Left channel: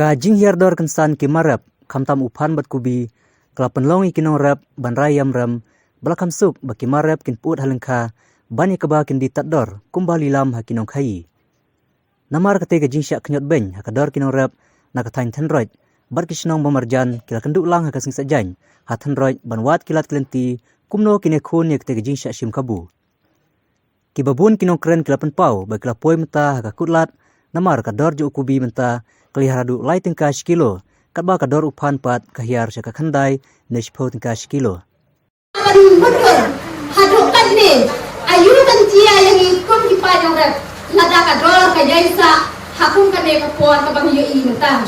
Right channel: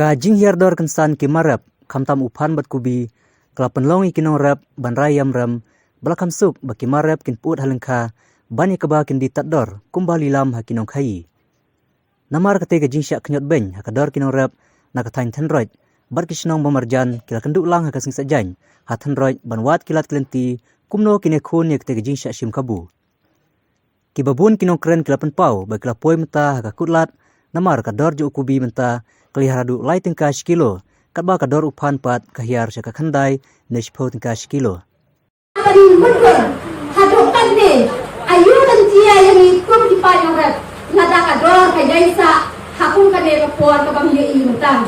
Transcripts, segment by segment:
Ka jinghiar dor kensan kimarap kamtam upan bat kubi kelapan longi kinong rap ban rayam ram belakam suk baki marap kin put halengka bani keba kin ditat dor kumbali lam hakinong khai. Namar kate ka jingsyak kenyot beny hakador kinong rap nakatain tenroj bat kisnong bamarjan kila kenduk lang hakasing sajan hatenroj ban wat kilat kelenti kumno kine khun ya kate ka jingsyak shim kabu. Kibabun kinong keren kelapan pau bagi kelapoi menta hakakutlat namar kador jo kubi menta kelihar haduh leit tingka kilo katba kador upan pat kahiar syaka khandai neshpo tingka kilo. Betul, haduh kan ni ayu dan cia yang ikum di panjang red lada kador kayaisa hakung kan ni kapuan kabang yui mentah.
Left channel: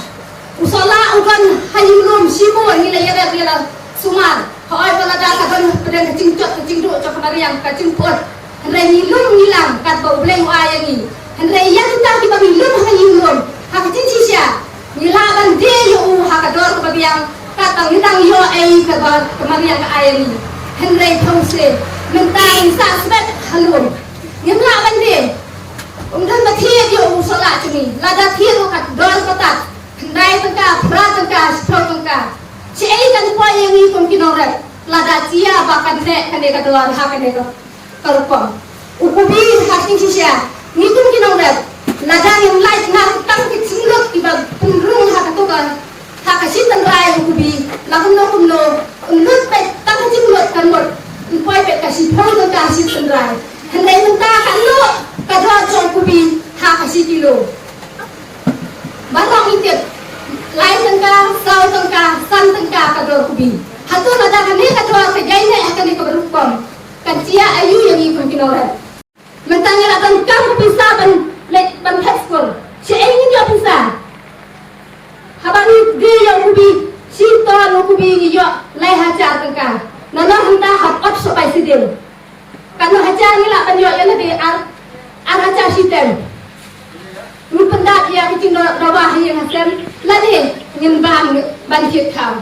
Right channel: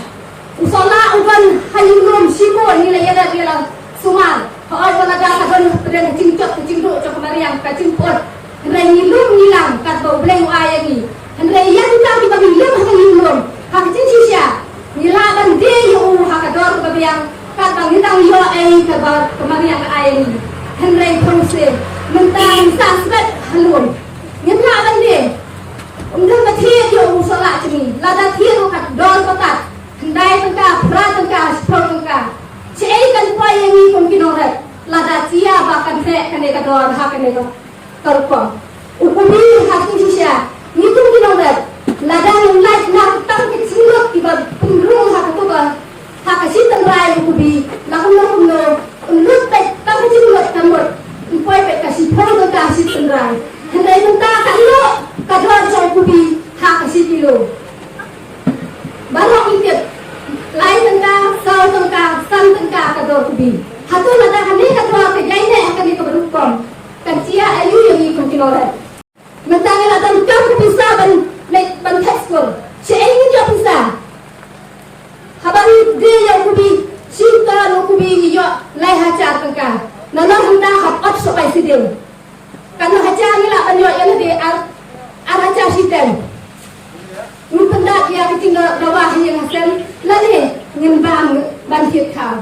Usola udan hayulum simu ni la yada dia sumar. Hoi balada kadon pedang kecing duk cak mariang kacing pot. Henry ngilum ngilang kat bau bleng ayang ni. Henry yang kita di bagi lum hayulum. Hak cincia nila ban de yo hakador bagi yang katang nitang yo ai ka kemarian ka ai ni henry those mentang sa sbet halun ngimla ban de umdan bathi yo usala chimi lada thiru kat dor patat ndai tangka pra tangka spro tangka chei kan pa yang ni kom kinorat lada cia bakan te kane ka dor hakane ko korpom ukubi hakin cia ngitum kinorat lada yang light na tang kecilot iba penrung hakatuka hakasitan rai ukubi lakum no lut pe tang kecilot kamot poi pe kasih phau ka kasih rai hendai menta kan lo kadro jong ukubi hakasi kilo barang itet lain tangka sau tangka san tangka kadro ukubi hatu lada kan ni kadro ka jaine akan ni keberukom kan cia ayu yang ikut kinorat mentang lada kam pisaban lek ban tekstur si ingin dia bisa habari dia yang kubi cinta no kubi yo lai hajar tengka nana hendak hak supaya sidil karena hajar ni lah banyak yang di ar hajar sistem ni pendak yang kecil rawah yang hasil lagi ngimbang banjir kau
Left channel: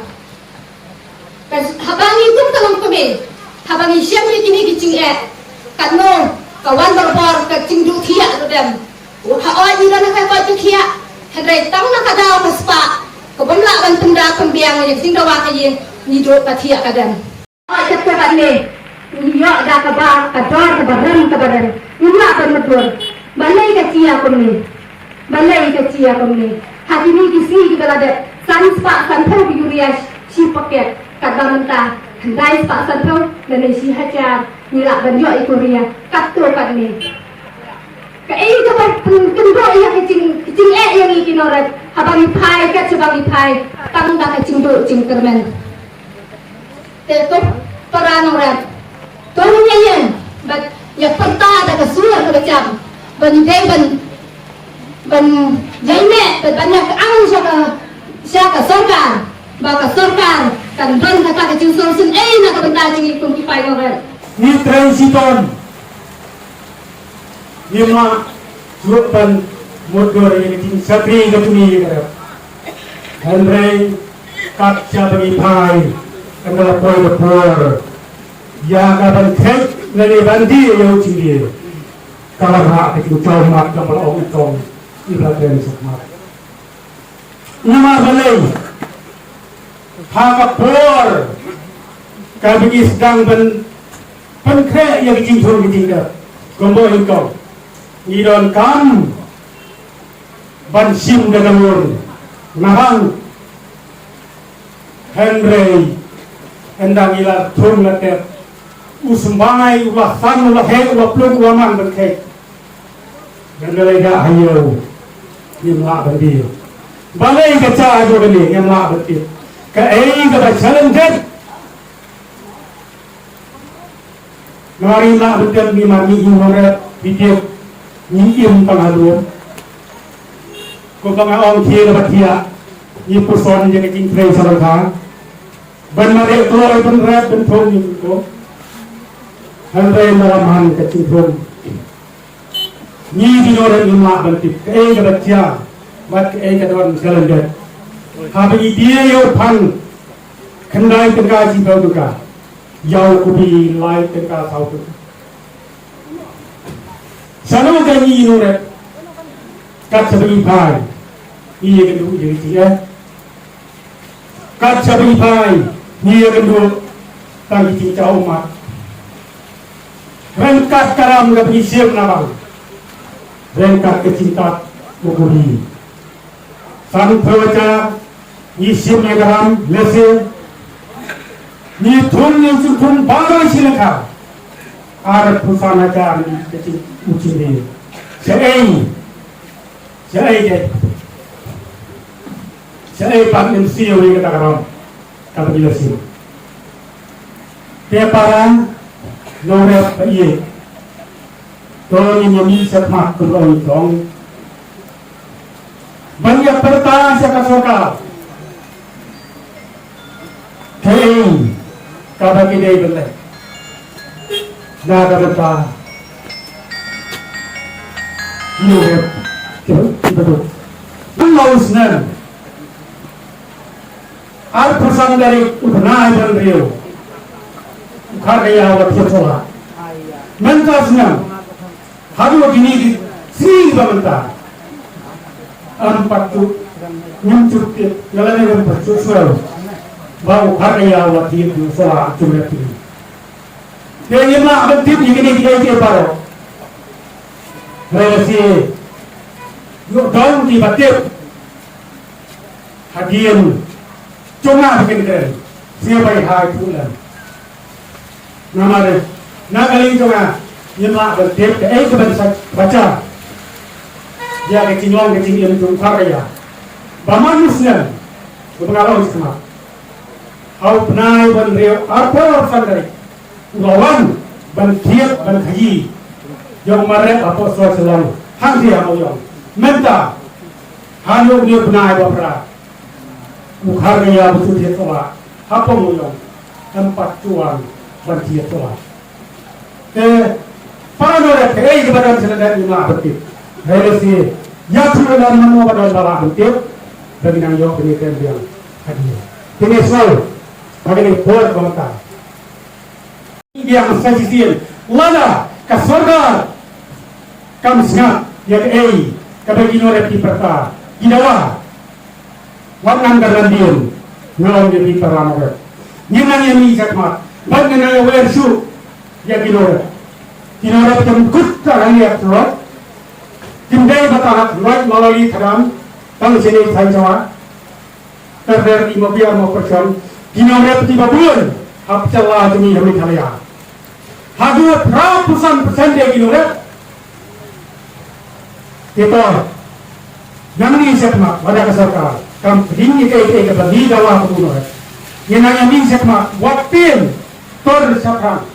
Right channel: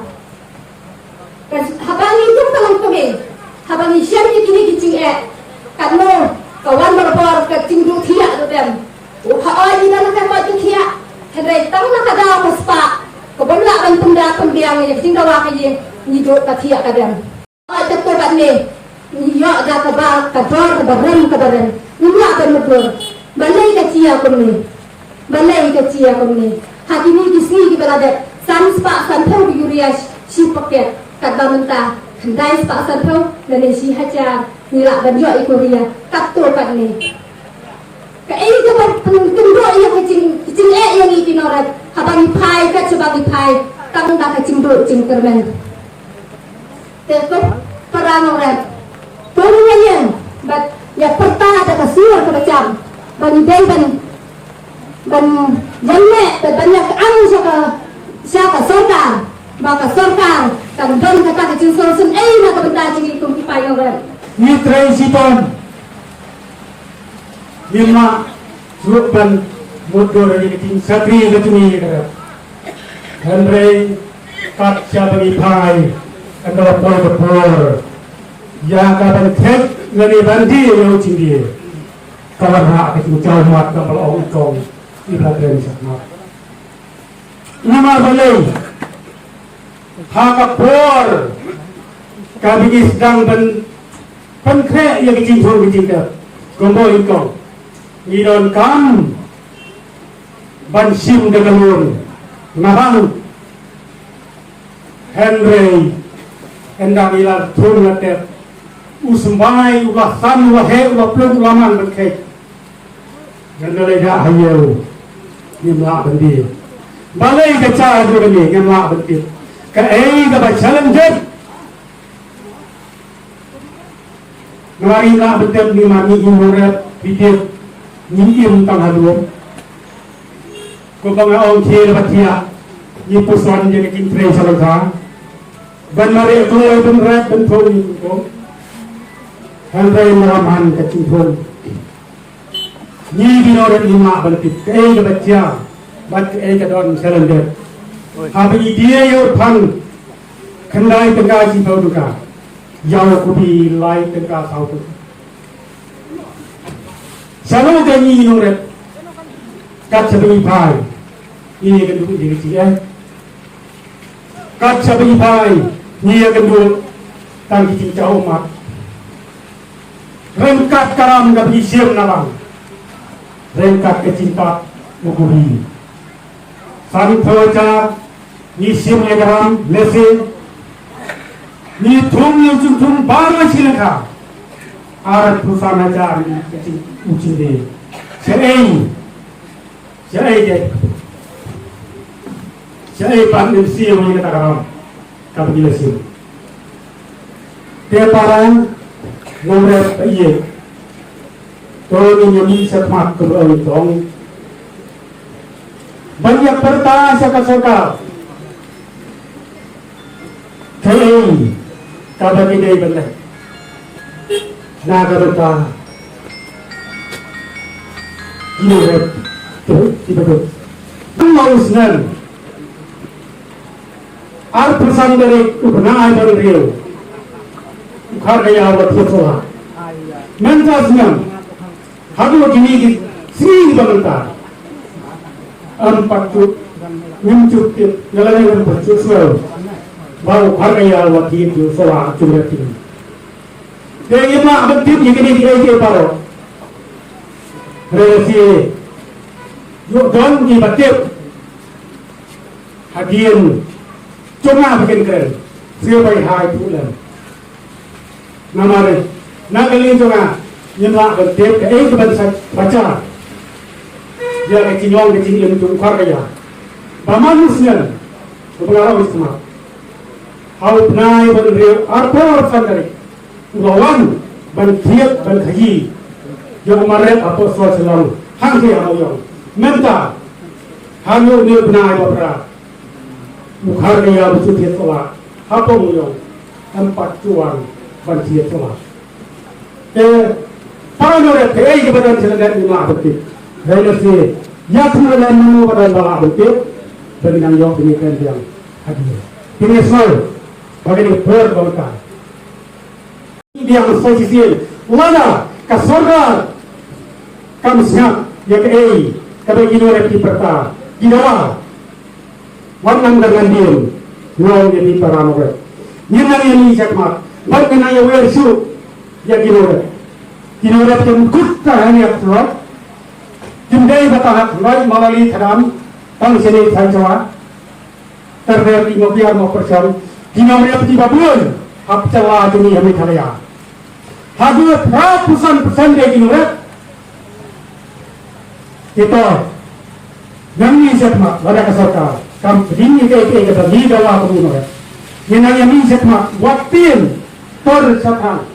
habari itu kalau kami habari siapa yang kini kecil karena kawan berbor kecil dua tiap tu dem. Haoi ni nak kau tu kia, hendak tahu nak kadau paspa, kau benda ban benda kembiang yang tinggal wakai ni duduk katia kadang. Haoi kata bani, ni yo ada kabar kabaran, ni nak bermudur, balai kacia kami, hati ni kisi kita ada, sanspa sanpau biurias si paket kadang mentah, hendak spa sanpau dan si hajar ni lah banyak ikoria, katu kat ni. Kai dapat kendok yang kecing yang ikinorat habang ipai kat sebagi pai tang dah kecing do cing kermen tetap para nongrep tolongnya yang bat ya perta ada kasuar ke macam ban jaine bat banyak ang siapa sorkar baka sorkar kan ban kata kecing solution nak kebentar cing ikum ipai nongrep ni transiton Lima jurupan motor yang kecil satri ketumi kerap. Henry kaca bagi pai adalah poi betul. Ya kapan kek ngani bandi yang ciri. Kalau nak kecil jauh mak kapal orang ikong iblakan sakmat. Nama balai Hakhmat kami sedang penkek yang kecil dah. Gombo ikong. Idon kam ban sim degalun nahang Henry hendak ila thum latep usumbangai ulah san ulah he ulah plung ulah man berkek dan nilai dah hayau dimla bandi balai kaca adu bandi ngemla betit ka ka ba challenge ngari la betit di mami imorep video nyim tang halu ko banga ong thie la batia ni puson je king trei salaka ban mare tuoi ban rap ban thong ni ko hal dai maram han ka ching thong ni dinore imma ban tik ei ga batia bat ei ga don calendar ha bi dia yo pan khandai tanga si bau ka yau ku bi lai tanga sau tu Selalu ganyi nure kat sebagai pai ini kan dulu jadi dia kat sabi pai ini kan dulu tangki cincau umat rengkat karam gak isiam nabang rengkat kecinta mukubi san pewajar isim karam lese ni thum yang thum baru silaka ar pusana jar ni kecil uci ni saya pan MC yang kita karam kata jelasin dia parang nongrep iye tolong nyami Hakhmat kembali tong banyak pertanyaan saka kay kada kidai benda naga berta nongrep betul nonsen al pesan dari ubnai berriu karya wat sekolah mentasnya haduh gini sering bermentar empat tu nyucuk jalan yang bersusul bau karya wat itu sekolah curhat ini dia yang aktif begini kita paro relasi yuk dong di batik hadian cuma bikin keren siapa yang hai bulan namanya nagaling cuma nyemlak batik keban baca dia kecinong kecil tung karya bamanusnya pengaruh semua hau penai berriu apa sandari ulawan bantiat bantayi yang maret apa soal selalu hang dia mau yang menta hanu ni benai bapra mukhar kaya betul dia tola apa mau yang tempat cuan bantiat tola para nore terai kepada senadat lima betul relasi nyatu dalam menu pada lima betul dan yang yang demikian yang hadir ini soal bagaimana pur kota dia mustahil lada kasorga kam snap ya kei kabagi nore pi perta ginawa wanang dalandin non jadi paranore nyeman yang ni Hakhmat bag na ya wersu ya ginore jam kutta hani atwa jumdai batahak noi malali tharan tang sini thai jawa terder di mobil mau percom ginore peti babun hap chala jemi hami thalaya haduh ratusan persen dia ginore kita jangan ni Hakhmat pada kesarkar kam ringi ke bagi dawa pengunur yang nanya ni Hakhmat waktin tor sapang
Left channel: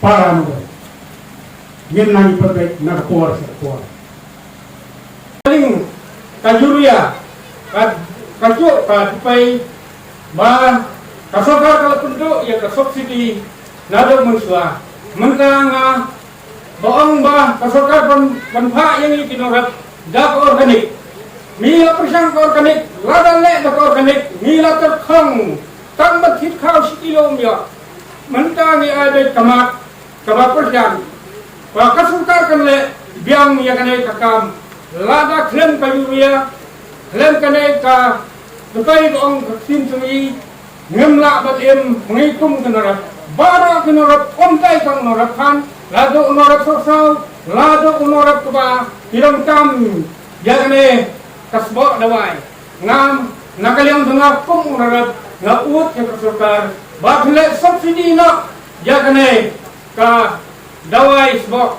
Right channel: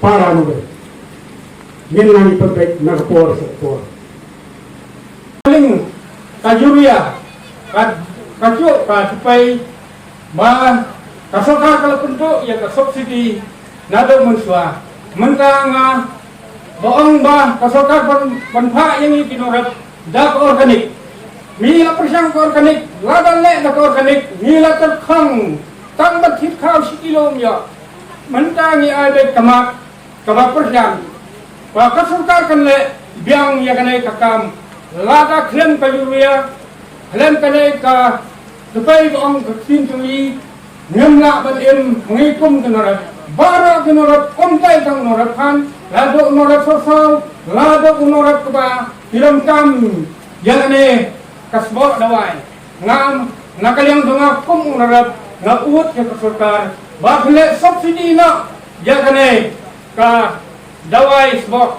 para nube yang nanya perbaik nak por sektor paling kajuria kajuk supaya bah kasokar kalau penduduk ya subsidi nado mensua mentang boong bah kasokar panpa yang ini kinorat dak organik mila persang organik ladan le dak organik mila terkhong tang batit khau sikilom ya mentangi ada kamat kabak persang ba kasokar kan le biang ya kanai kakam lada klem kayuya klem kanai ka depai boong sin tumi ngemla batim mengikum kinorat bara kinorat kontai tang norat kan lado norat sosal lado norat keba hilang tam jangan kasbo dawai ngam nakaliang dunga kum norat ngaut ke kasukar bakle subsidi na jangan ka dawai sbo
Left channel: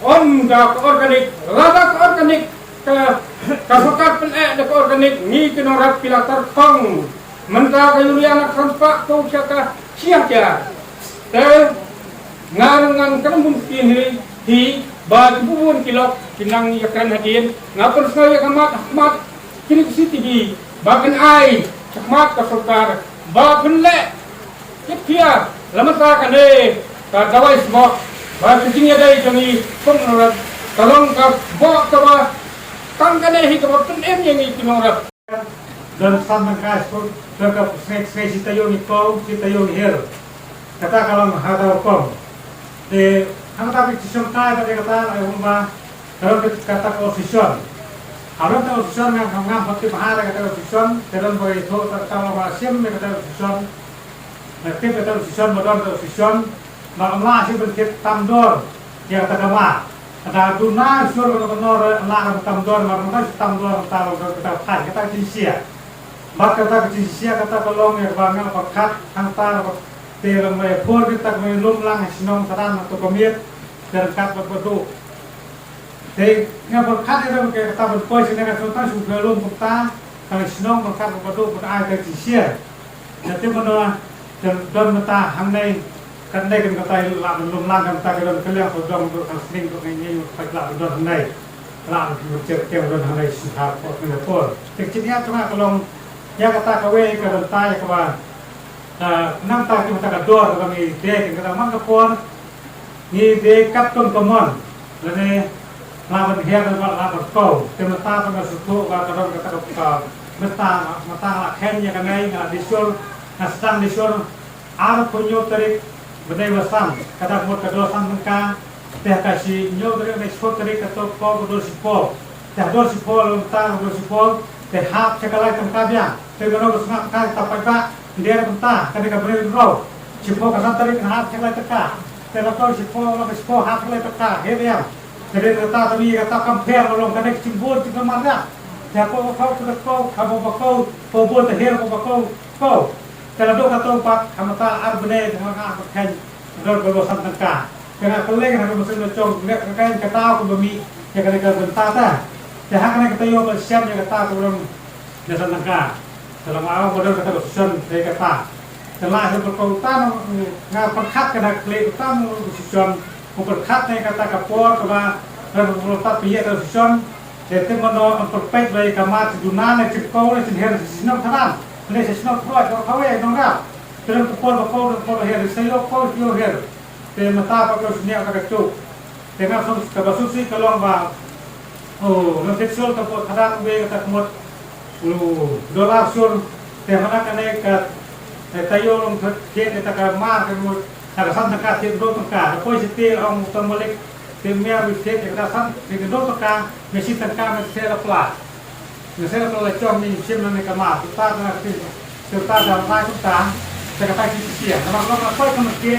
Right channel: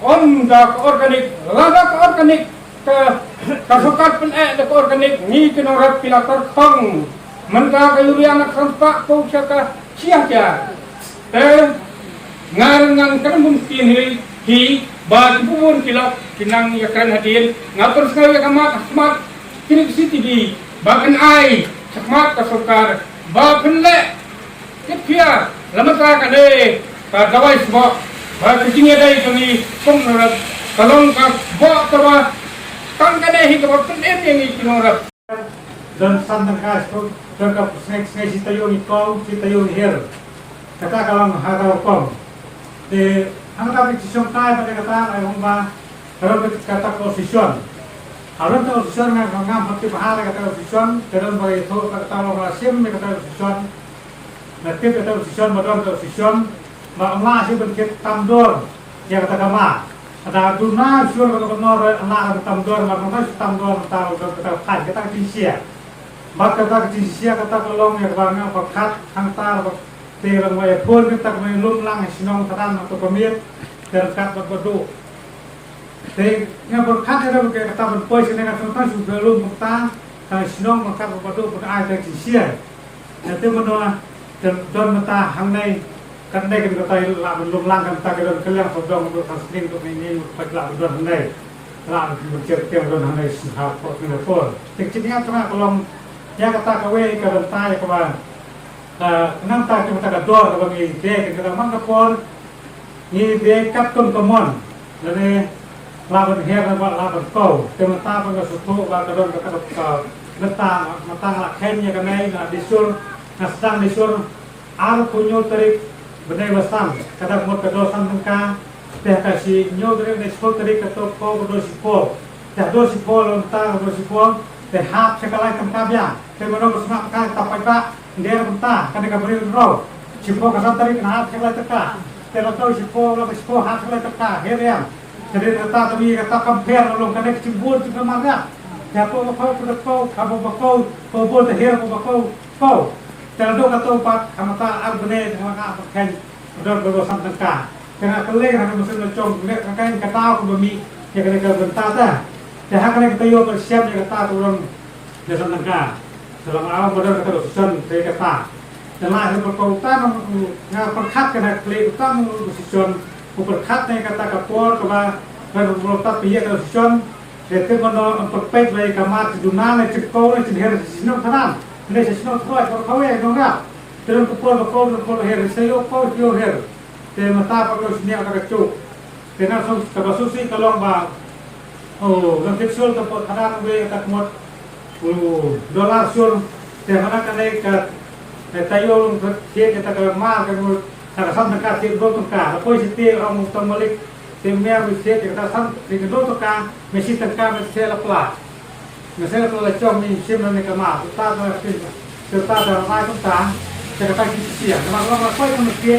om ka organik lada ka organik ka kasukar pen de organik ni kinorat pilatar pang menta kayurian kanpa ko ka cia ngan kan mungkin hi ba bubun kilok kinang yakran hadin ngatur sekali Hakhmat kini CCTV bahkan ai Hakhmat kasukar ba penle kipia lamata kane ka dawai sbo ba kicingnya dai jami kum norat kalong ka bo tawa tang kane hi ka pen yang kinorat dan sampai kas ko terkap saya sitayo ni kau sitayo ni hel kata kalau hal kau ang tapi tisong tayo pada kata ay umba kalau kata posisyon Orang tahu susun dengan ngam hati bahar kata susun, terus bagi itu kata orang Asia mereka kata susun, nanti kata susun, modal kata susun, makamlah sih berkait tamdor yang kata kama, kata dunia susun kata benar lah tamdor, makamlah tamdor kata pai kata kinsia, bak kata kinsia kata kalau yang bangang pakat hantar terang mai pur kita mai lum lang sinong taran atau pemir terkat berbodoh. Jadi, yang berkat itu berkata kata berpois ini kan contoh sudah lum kita, kalau sinong berkat berbodoh pada ayat dari kinsia. Jadi mana don mata hangnai kan dai kan kata la lum lang kan ta kan kalian sodong untuk kansling untuk ini untuk la don hangnai. La bercek don hangnai sudah pot ni pun. Kecilnya cuma kalau ya kata kawe ke bentai ke bawah. Nam ta kita kata dor kalau ni dek kata man kapor ni dek kat ton tomon. Lalu lawan hiar dan lawan kau. Temata pun kesuatu lawan kata kata mata la kenya kanai na disur na sedang disur ar punyo tarik benai basam kata mot kado sam tengka teh kasih nyo tarik na spol tarik kata kau kado sipol teh do sipol lontar kado sipol teh hap sekalai tengka biang teh benar bersemak kan tapai pak dia bentar kan dia beri roh sipol kata tarik na hap sekalai tengka teh kau sipol hap sekalai tengka heriam jadi kata tapi kata compare orang kan kecimbur juga marah. Siapa kau sudah kau, kamu kau buat terhir kau. Kalau dok kata empat, kamu tak arbene dengan apa kan, dok berusaha tengkah. Dengan keleng ada mesin lecong, lihat kan kata aku bumi, ya kena bentar dah. Dah kan kita yo bersiap dia kata aku orang dasar tengkah. Dalam awal benar kata bersusun dia kata. Setelah itu berkautan ngah perkat kena keleng utang bersusun, perkat ni kata kapor kaba berkautan piye bersusun. Jadi mana memperbaik dari kamar sedunia ni cekau ni sendiri sesinok tanam, ni sesinok kuat kalau kau nongrep. Dalam kepol her, saya kau her. Tapi mata apa kau senyap agak cuk. Dengan susi kalau bah, nanti sul tempat kadang we tak mut, dolar sul. Tapi mana kena ke tayo long kerja kita ke mar ke mut, tak kesan nak kasih dua tengkar. Tapi setir orang mustahil Temia riset kita san dengan tengkah mesin tengkah mesin lapla. Mesin lapla lecong ni sim ni kamar. Kita dah mai kita kata kisia. Nama orang kau itu mesti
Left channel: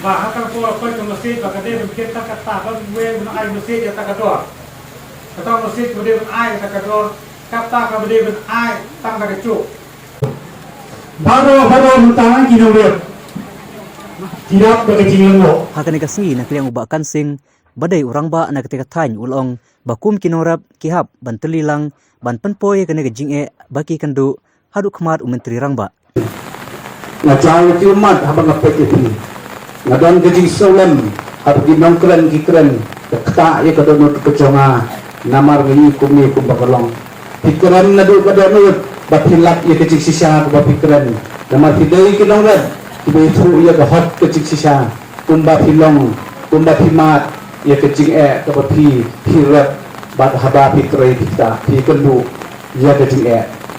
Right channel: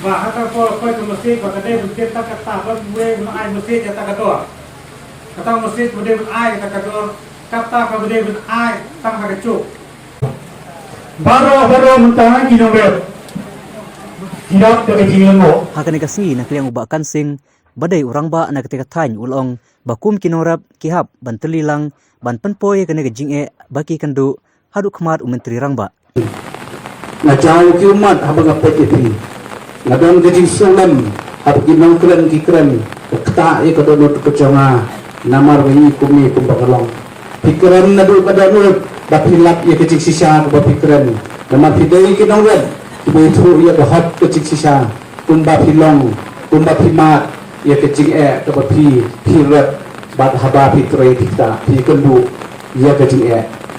bah hantar kau ke masjid bah kedai berkata kata kan gue ai masjid kata kador. Kata masjid bude ai kata kador. Kata ka bude ai tang ka cuk. Baru mentang kinongret. Tidak ada kecilmo. Hakane kasngi nak liang ubak kansing badai urang ba na ketika tany ulong bakum kinorap kihap bantelilang ban penpoy kene gejing baki kandu haduh Hakhmat menteri rangba na jauh kiumat habang apet itu nagang gejing solam habang nongkran kikran kata ye kadono kecanga namar wi kumi kumbakolong pikiran nadu kadono bapilap ye kecik sisa bapikiran namar hidai kinongrat itu ye bahot kecik sisa kumbapilong kumbapimat ya kecing kepi pirap bat haba pikre kita pikenbu ya kecing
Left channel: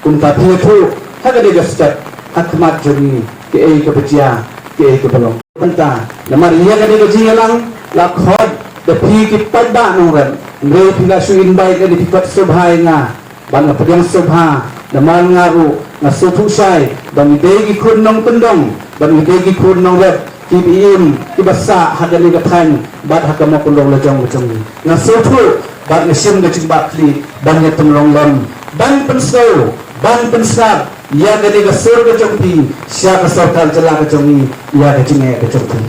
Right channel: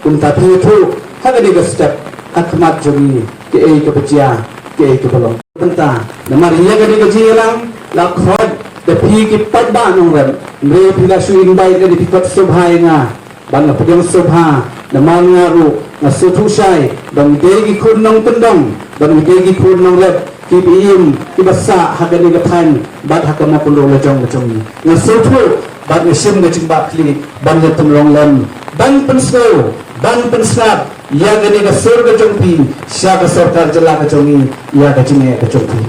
kunta pitu haga di step Hakhmat joni ke kebecia ke belum tenta namar ya ga di jilang la khod de pi ki padda nongan me pila suin bai ga di pat subhai nga ban pedang subha namar ngaru ngasutu sai dong degi kun nong tendang ban degi kun nong let kibiim ibasa hadali bathan bat hakama pundong lejong lejong ngasutu bat mesin ngecik bakli ban yatung longlon ban pensau ban pensab ya gani gasur kecongpi siapa sortar jela kecongi ya kecingnya kecongpi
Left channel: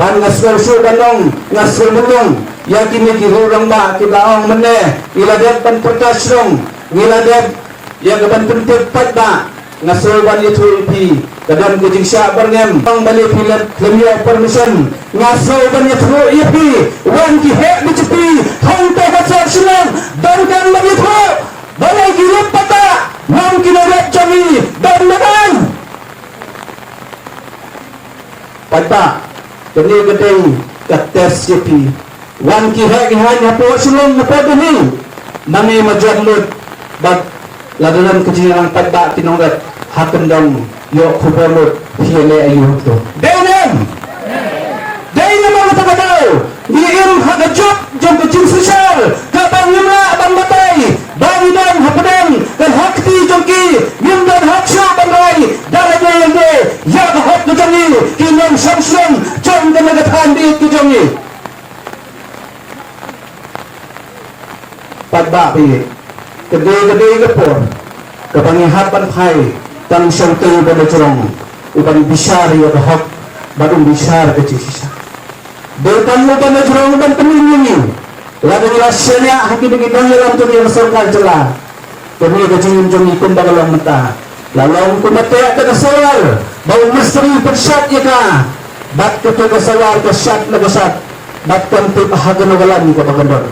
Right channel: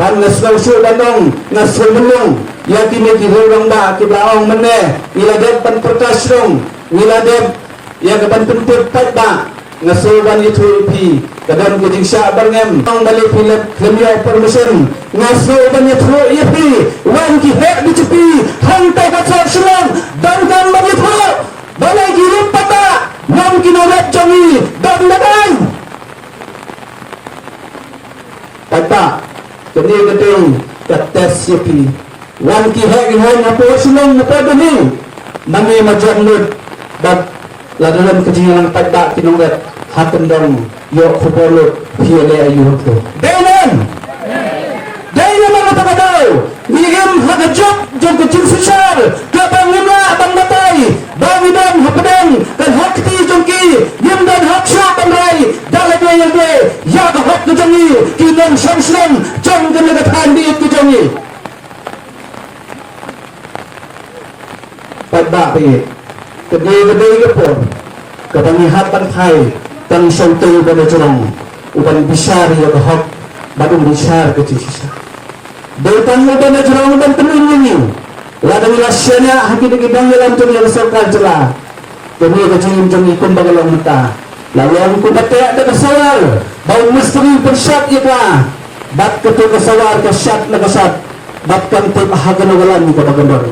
ban ngasau su datang ngasul melong ya kini kirurang ba kibaong meneh ngiladep ban perkasrong ngiladep ya ban pentit patba ngasulban itu ipi kadang gejing syak berngem tong balik film klemia permission ngasulban itu ipi wan ki hek dicepi hantai kacak selam bangkan begitu balai girup pata nam kinorat jangi dan makan pata kene gedeng kates ipi wan ki hek hanya po selam napa deni nami majamut bab ladalan kejilang pada kinorat hakendang yo khobolo piele ayu to denan mga tagatao niim hagajok jog kecil sosial kabangina bang matay bagi dan hapedang dan hakti jongki yin dan haksha bandrai dalai yang de ya hak kejangi kinon samsung jong kenegatan di kejangi pada pi kedai gepor kebangihapan hai dan syautu pada cerong uban besar ya hak badung besar kecil sisa datang pada cerong dan penuh Lada rasanya hati bagi dalam tu yang serkan celah. Kami kecil jom ikut dalam mata. Lalu aku mata ada kesawar. Bau misteri bersat ya ka. Bat ketu kesawar kesat nagasat. Bat kanti pahagan nagalan ni kata benar.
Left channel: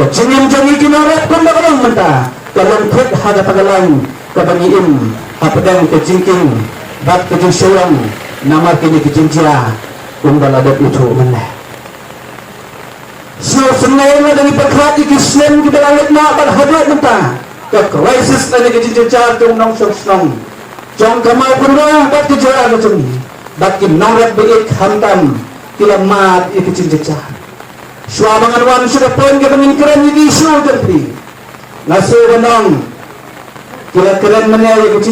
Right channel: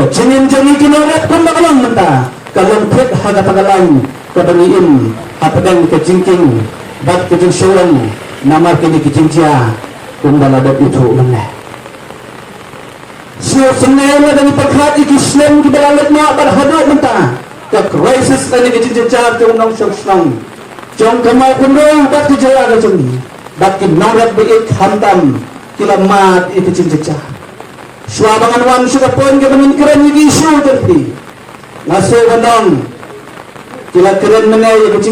Kecil jom ikut orang pun dalam mata. Kalau pek haga tagalan kebangiin hapedang kecingking. Bat kecil sayang nama kini kecincia. Kundal ada itu mana. So sengaja dari perhati Islam kita lihat nak berhadap mentah. Ke krisis tadi kejar tu nang sosong. Jom kamal penuh tak kejar ada sini. Baki nongrep baik hantam kilamat ikut kejar. Suabangan wan sudah pun kita mengikran ini isu tapi. Nasu benang kila keren mana ikut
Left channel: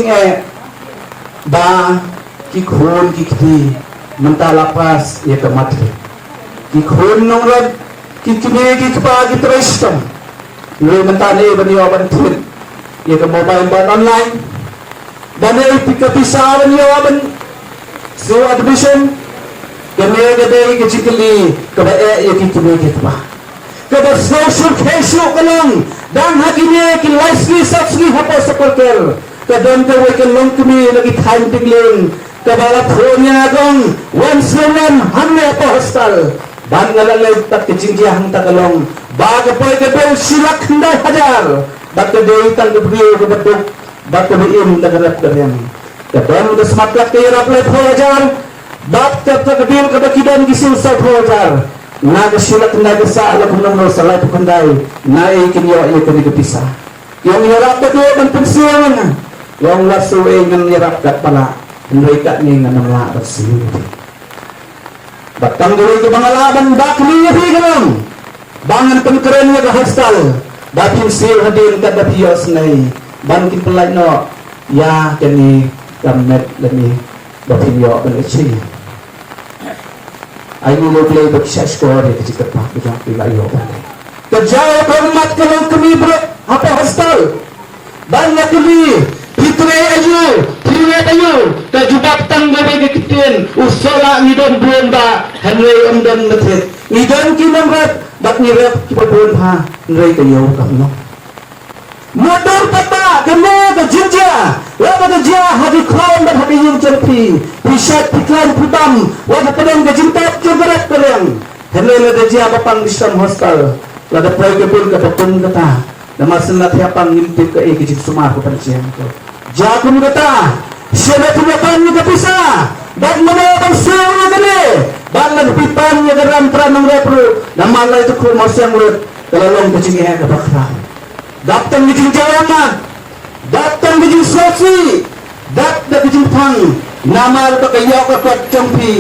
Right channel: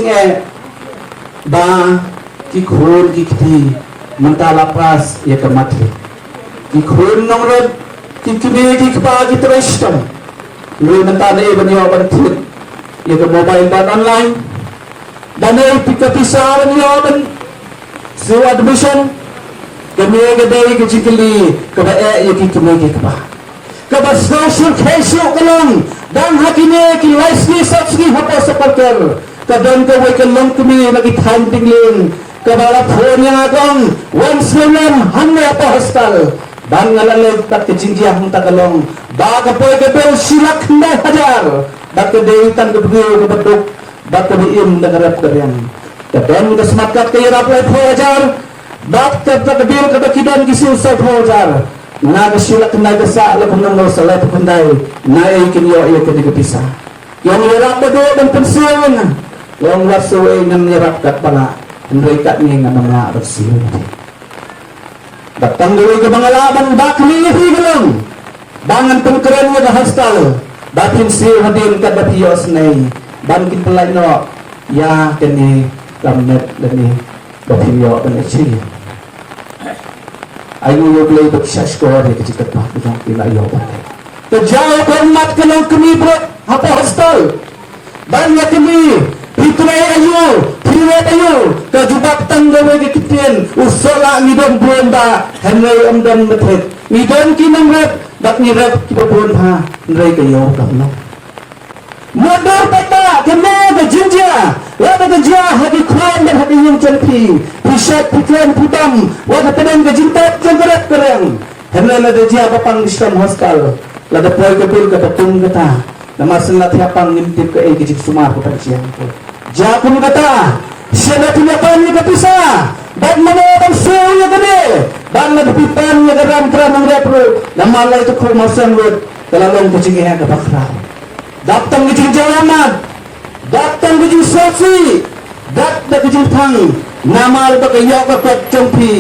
ba kikhun kikti mentah lapas ia kemati. Kikhun nongrep Kini pagi terus tam. Mula mentah ni benda apa nanti? Ia ke mobile dan online. Dan ia pika pisah ni apa? Sewa admission. Kami kedai kecikli kedai ia kini kita. Kedai social casual kelang. Dan hakini kilai sini subsidi apa seperti. Kedai kawai kelang kami lagi time tingling. Kedai punya kong once million hanya apa hostel. Ban ngalalay pat kecinggiah ang tagalong baga po ikabel silak na hajar baga deitan kebiyo kebetuk baga biim nagarap damen kadang kasmakat kaya raplet ho hajar baga kebiyo kebekidan gisil sa ho hajar naga silak na gasa alak nomor salay pagkanday na ikinyo ay kanigapisa yung nirap na doon ang pensiyon yung nasuway ng nirap kat pala mereka ni nga mga rasulun Batang dulu ke pengalaman bakli ni fikiran, bangan pengkerennya ke hostel, batin siu hadin kat dapios ni, bangkin pelai no, ya kini kamet lagi dapio pengecil. Ayu yo play bersah sekolah di kecil kepak bukan pelai yo. Terjauh hormat kalau kami ber apa hostel, banyak kami Pitrai ayu, piret ayu, kejubak tangga bagi ketian, usola ngidon bomba, henry omdan betet, ngidon kinongrep, bak nirep kipapun ha, henry kayo kamu. Modal pata, kena ke jinja, lada ke jia, hati kron dan hati yung cerpi, pisat piklan putam, wada pedang ke jintat jenggerak kerang, henry lada jia papang distam hostel, lada pray kepil ke patun kata, nama senat yapang ngintip ke kecil sumar ke percian ke. Jakun kata, siapa punya ni kepisah, dan mana bang suruh kene, bala dipipan yang geram teranong repro, nama Allah itu kurmasan lut, dalam kecing yang kebakar. Datang kecing jawamat, datang kecing sosi, datang kecing tang, nama itu kayau kekuat jompi,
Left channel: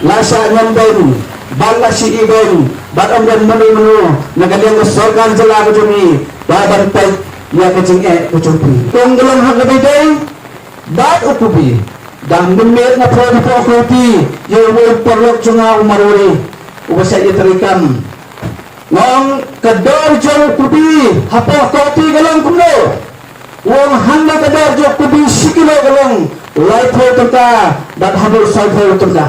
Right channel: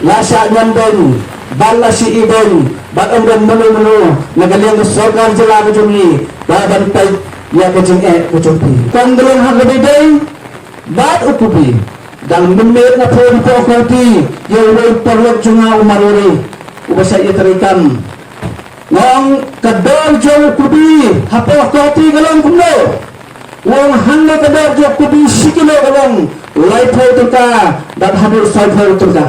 lasa nyamben, bala si iben, batang dan menu, nagaliang kesorkan jelah kejumi, dalam pek. Ya kecing kucumpi. Kong dalam hal lebih day, bat ukupi. Dan menit na po kauti, yung may perlog junga umaruri. Ubasa iterikan. Nang kadar jong kubi, hapo kauti galang kuno. Wang handa kadar jong kubi sikilo galang. Ulay po turka, dat habur say po turka.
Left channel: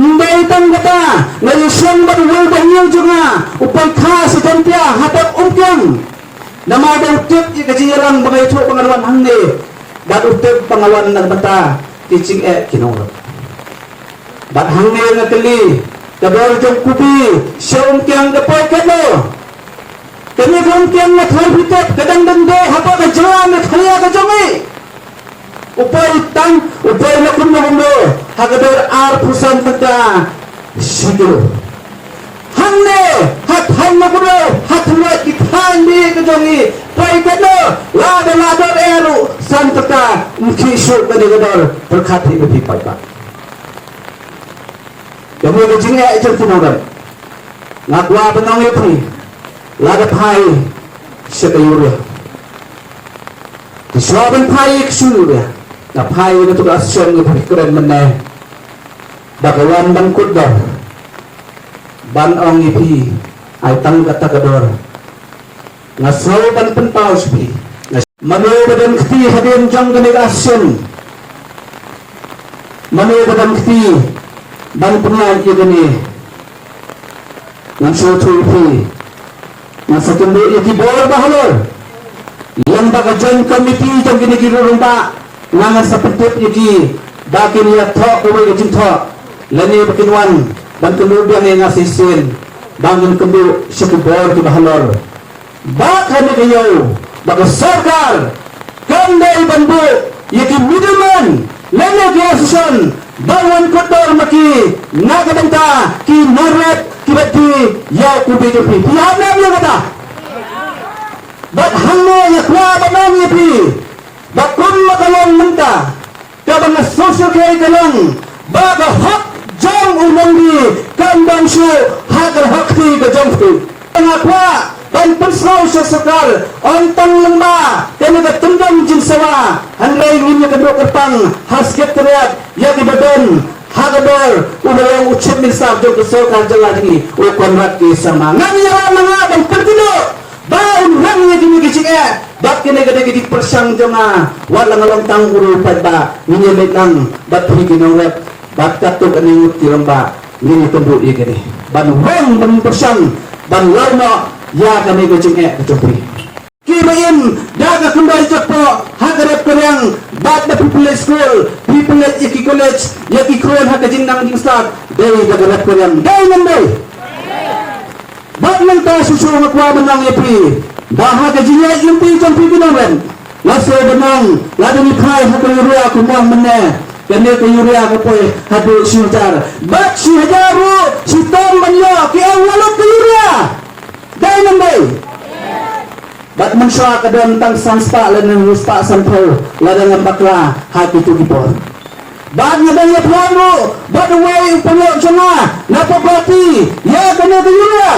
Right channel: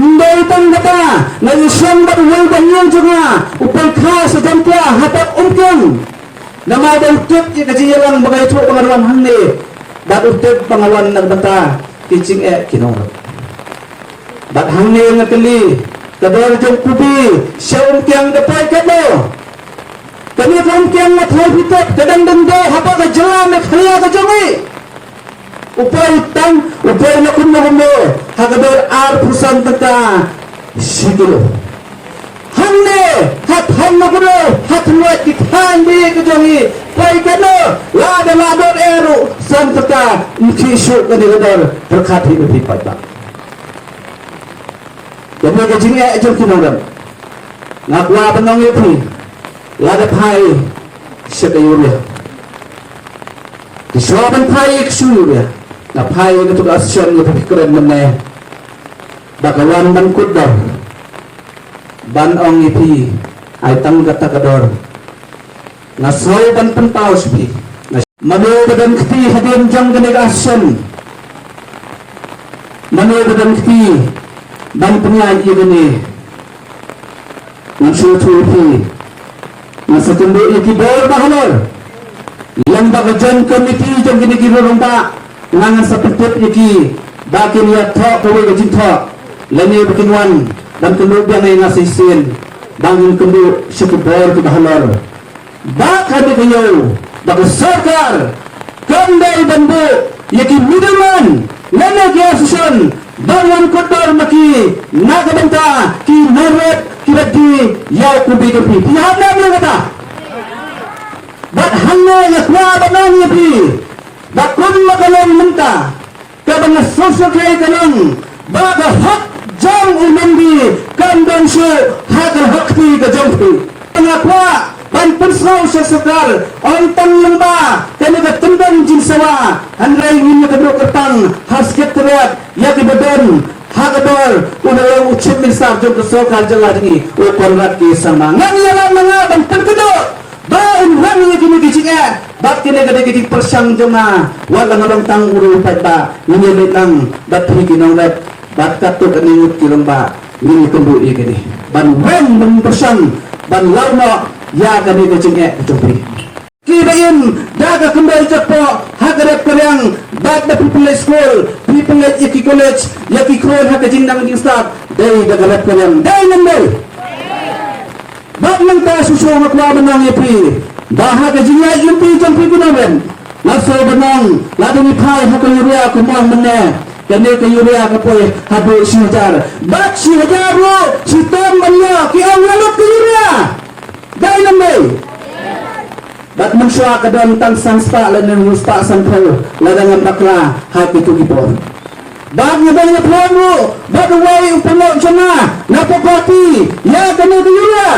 Hindi itang kata, ngayon ba yung bangin junga, upang ka sa tempya, hapat umkyong. Nama ada utip ia kejiran bagai itu pengaruan hande, bat utip pengaruan nagbata teaching kinor. Bat hande ngakali, kadar jom kuti, siang kiang dapat kado. Kami kiang ngathai pitap, kadang dende hapa kejalan nakhalia kejami. Upay tang, upay nakum nakumdo, hakadar ar pusan bata, siguro. Hande, hat hande kudo, hat ngat dikhandi kejongi, pai kado, lada eru, santaka, mukisuk kadidor, berkati lebih pada. Jadi kejini aja kinoran, ngakwa benong itu, lada pai, siya kayo rin. Isawan pay iksuya na pay na tugas siya ng pagkikuran man na bakawan bangkod daw banong ipi ay tangga-tagador na slogan puntaw siya na manuwadan kiti hadin diyang ganegasyon manuwadan kiti bang penyayi gini mansutupi masa tunduk iki bawal bahalor yang bagajan komiti yang gini-gini rumpa nangan seperti iki bakin lihat tok kuwe gajin tok lani berkinwan dan kemudian yang ngasih sin bangun kenduk sekebor ke bahalor bak kami kayo baga sarkar kandai dan bu yaki middleman lani kiasusan bangun kudor maki nakabanta ki nongrep kibati yaw kubi-kubi tiap nabi yang kata bat hangnya yakwa banang yapi bat kulla kalong menta kabang social kaya kalong baga hak jang ulambi kandang siya hakal hakti ka jangtu pangakwa ban pensnaw siya sakar ontang lamba kaya katundang jinsawa hanray nginya kadro kertang hasket teriak yaki badan hagabar ubayang ucip minsab jong kesokal jalan ini ukonrat ki sama nganya mga ban pertudok baun rangnya gini kicik bab kini gede gede persang jonga walang orang tang uru pada ini letang bat hi nongrep bat katuk aningut kiramba ini kendu gini ban reng ban persang ban larno ya gede kicik kecopri kibain daga kembali cepo hagarep keryang bat people school people yaki college yaki kron haka jindang jingstak dari dagarep keryang dari nandai bat nang ta susul ngakwa menang yapi bahaga jinyai lempi jampi kinawen laso benang ladang ipai haka yuria kumang meneh kene ke yuria kapoy haduh sinjar bat si hajaru si tom banyo ki ang laluk ke yuria dari nandai bat mansya kadang tang sangsta lanan musta sampau ladang bakla hati tu gipon bat ngabang ngaponu bat away penok jana napapati ya kene ke yuria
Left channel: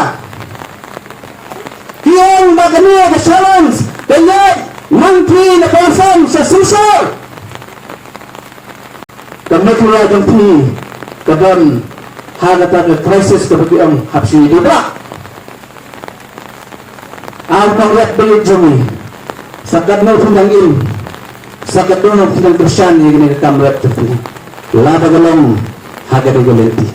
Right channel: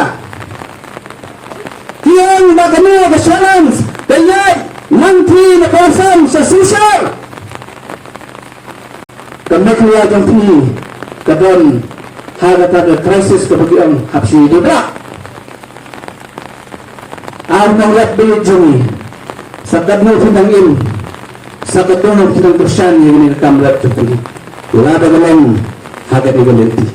kiang bagani ke challenge kaya nanti na kawasan sa susar kami kuya ganti kadang hagata ke krisis kapag ang hapsi dibra ang panggat bilit jumi sa kadno tindang im sa kadno tindang Krisyan yung nagkamlat ito lada galang hagati galanti